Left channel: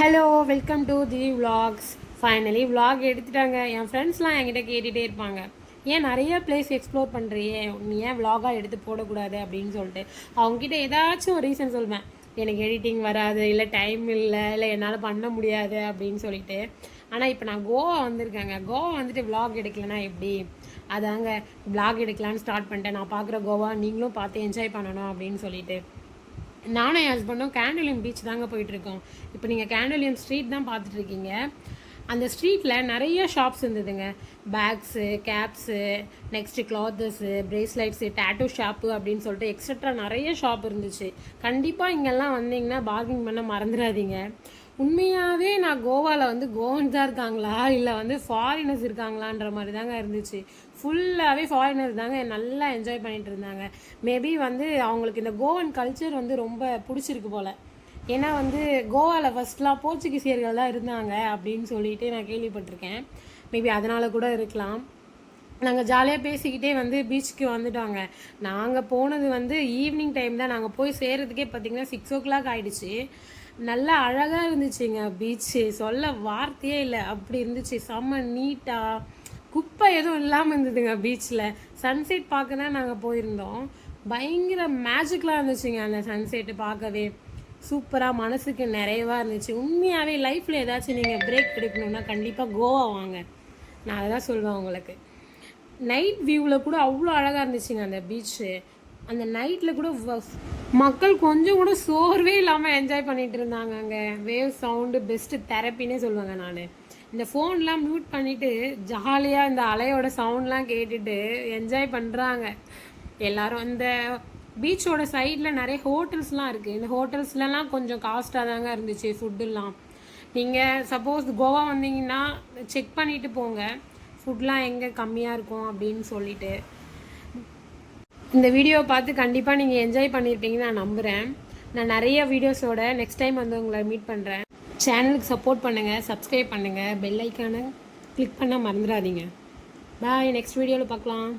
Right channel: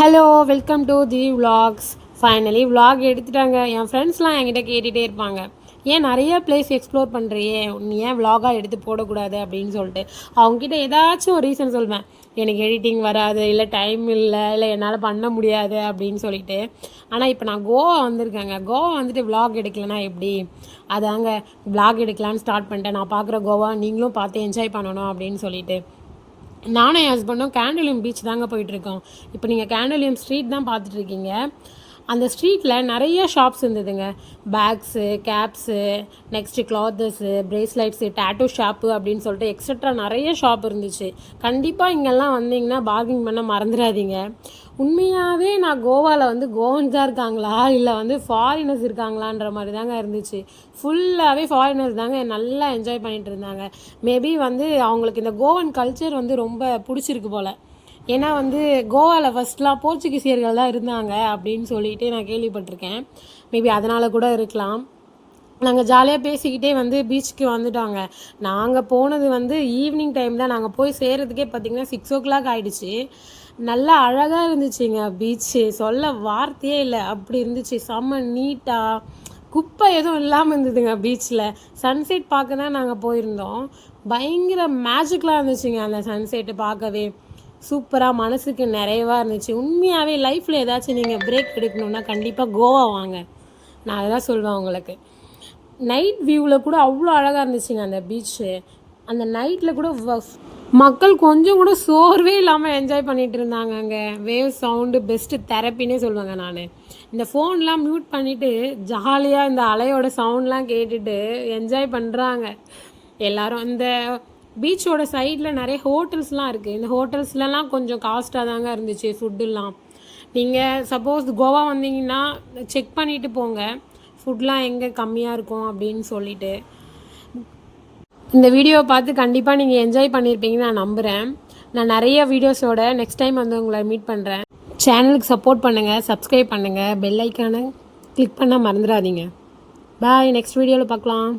Hello, welcome to the vlogs. Finally vlog எடுத்துட்டாங்க. என் ஃப்ரெண்ட்ஸ்லாம் என்கிட்ட கேட்டுகிட்டே இருப்பாங்க, ஏன் நிறைய பிளேஸ் எக்ஸ்ப்ளோர் பண்ணுறியே, நீ ஏன் vlog-ஆக எடுத்து போடக்கூடாது அப்படின்னு சொல்லிட்டு. அவங்ககிட்ட ஏதாச்சும் ஒரு ரீசன் சொல்வேன். எனக்கு எடிட்டிங் வராது, இல்லை டைம் இல்லை என்னால் பண்ண முடியாது அப்படின்னு சொல்லிட்டு. ஆனால் இப்போ நான் கோவா வந்திருக்கேங்க. கோவா வந்துட்டு vlog எடுக்கலைன்னா எப்படி? அதாங்க vlog எடுக்கலான்னு ஸ்டார்ட் பண்ணிட்டேன். நான் பார்க்குற கோவா நீங்களும் பார்த்து என்ஜாய் பண்ணணும் அப்படின்னு சொல்லிட்டு. நானும் என் ஹஸ்பண்டும் கேண்டலியம் பீச் தாங்க போயிட்டுருக்கோம். இப்போ நீங்கள் கேண்டலியம் ஸ்ட்ரீட் தான் பார்த்துட்ருக்கீங்க. அந்த ஸ்ட்ரீட்டில் நிறைய ஷாப்ஸ் இருந்ததுங்க. Bags, caps, next clothes, bracelets, tattoo shop அப்படின்னு சொல்லிட்டு எக்ஸட்ரா நிறைய ஷாப் இருந்துச்சு. கண்டிப்பாக இங்கெல்லாம் வந்தீங்கன்னா பார்கிங் பண்ண மறந்துடாதீங்க. உண்மையாகவே நான் கோவாவில் வந்து கோவன்ஸ் தான் இருக்காங்களா இல்லை வந்து ஃபாரினர்ஸ் இருக்காங்களான்ற மாதிரி தாங்க இருந்துச்சு. ஃபுல்லாகவே ஃபாரினர்ஸ் தாங்க நல்லா என்ஜாய் பண்ணிகிட்டு இருந்தாங்க. மேபி வந்து அவங்களுக்கு இந்த கோவன் கல்ச்சர் வந்து ரொம்ப பிடிச்சிருக்கு போல். ஏன்னா வந்து கோவாவில் ஃபஸ்ட்லாம் போர்ச்சுகீசியர்கள் தான் இருந்தாங்க அப்படின்னு சொல்லிட்டு நான் கேள்விப்பட்டிருக்கேன். மேபி அதனால் கூட இருக்கலாம். நாங்கள் ஜாலியாக பேசிக்கிட்டே வந்து பீச்சுக்கு வந்துட்டோங்க. நாங்கள் போனது வந்து ஈவினிங் டைம் தான். நாங்கள் போய் சேர்கிறதுக்கே பார்த்திங்கன்னா 6 o'clock ஆகிடுச்சு. நல்லா அழகாக இருந்துச்சுங்க பீச்சு. சொல்ல வார்த்தையே இல்லை, அப்படி இருந்துச்சு. செம்ம நீட்டாக, குப்பை எதுவும் இல்லாமல் இருந்ததுங்க பீச்சில். சன்செட் பார்க்க தான் நாங்கள் போயிருந்தோம். பயங்கர மேஜிக்கலாக இருந்துச்சுங்க அந்த சன்செட்டு பார்க்கவே. சூப்பராக, மனசுக்கு நிறைவாக இருந்துச்சு. உண்மையாகவே லைஃப்பில் ஏதாச்சும் நீங்கள் பிரேக் எடுக்கணுன்னா கண்டிப்பாக கோவா வாங்க. நான் அதை தான் சொல்லுவேன் உங்களுக்கு. நைட் வியூவில் கூட அவ்வளோ அழகாக இருந்துச்சுங்க அந்த பீச்சு. அந்த நைட்டில் கூட மக்கள் கொஞ்சம் கூட சோர்வே இல்லாமல் என்ஜாய் பண்ணிகிட்டு இருந்தாங்க. அங்கே வேவ் சவுண்டு பெஸ்ட்டு தெரப்பின்னே சொல்லுவாங்க. நான் இந்த ஃபோன்லாம் மியூட் பண்ணிவிட்டு ஜாலியாக இந்த அலையோட சவுண்ட்லாம் கேட்டுட்டு என்ஜாய் பண்ணுறாங்க எல்லோரும். இந்த பீச்சோட சைடில் நிறைய ஹோட்டல்ஸ்லாம் இருக்குது. இந்த ஹோட்டல்ஸ்லாம் கொஞ்சம் காஸ்ட்டாக தாங்க இருந்துச்சு ஃபுட்டுலாம். நீங்கள் சப்போஸ் கோவா வந்தீங்கன்னா செக் பண்ணிவிட்டு போங்க, ஃபுட்லாம் எங்கே கம்மியாக இருக்கும் அப்படின்னு சொல்லிட்டு. இந்த வீடியோவை பார்த்து கண்டிப்பாக நீங்கள் என்ஜாய் பண்ணியிருப்பீங்கன்னு நான் நம்புகிறேன். நான் நிறைய வீடியோஸோட நெக்ஸ்ட் டைம் வந்து உங்களை மீட் பண்ணுறேன். சேனலுக்கு சப்போர்ட் பண்ணுங்கள், சப்ஸ்கிரைப் பண்ணுங்கள், பெல் ஐக்கானை கிளிக் பண்ண மறந்துடாதீங்க. பாய், நெக்ஸ்ட் வீடியோவில் பார்க்கலாம்.